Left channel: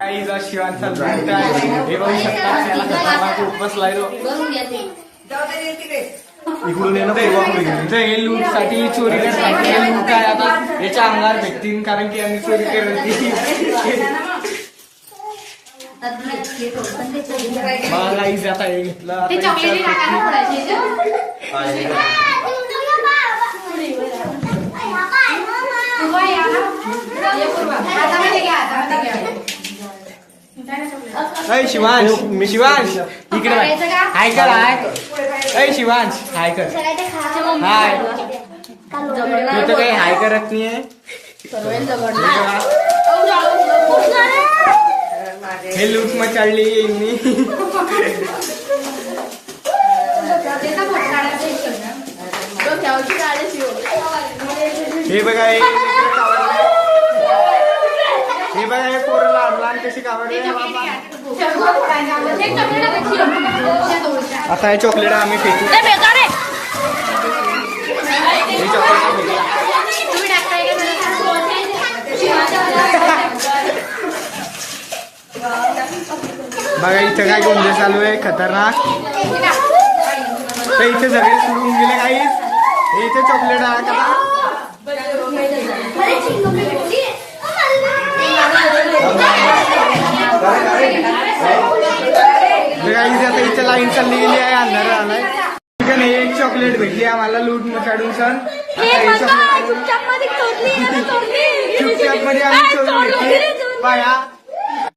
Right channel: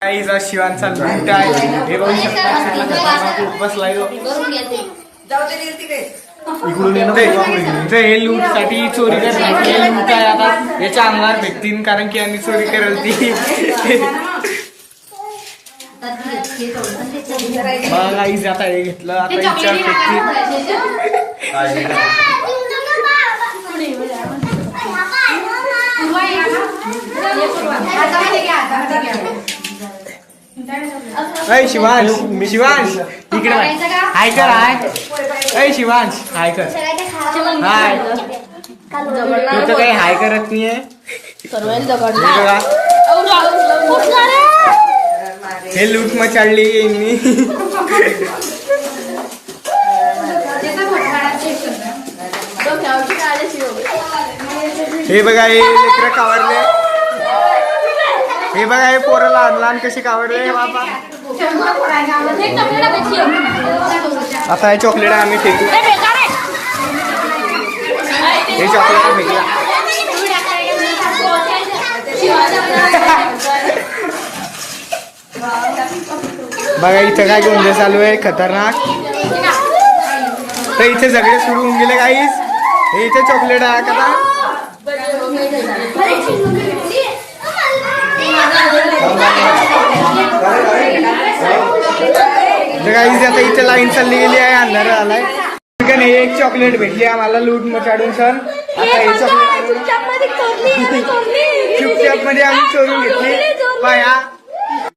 काहीचा शिवांचा लूट आहे हे बघू शकता. खतरनाक बसलाय तो इकडून येणं हे लूट साठी चोरी करतात. हे लूट आहे आता याच्या अंगावर भेटतील कारण की यांनी चोरी करल ती. मला आई जाता हे घेतलं आता अय शिवांश शिवांश इकडे हाय कर हाय. अय शिवांश हाय कर हाय. तू तर काही हाय करत नाहीये. हे लूट मचाडली मी. हे बघा हे कावरले. हे बघा हे पोरं लहान लहान कशी कावडले बाबा. आता हे चॉकलेट आम्ही फेकू. हे चॉकलेट फेकला. बघा इथं काय गोंधळ चालू आहे खतरनाक. तर इथे सगळे सुरू होऊन गेले काहीच. हे इथे चॉकलेट आहे का आता इथे लाईन चालली गेली आहे. अंधार आलाय. एक चॉकलेट भेटली आम्हाला लूट मचाडून सण. आता हे चॉकलेट चुपचाप मध्ये आम्ही चोरून घेतली. पाया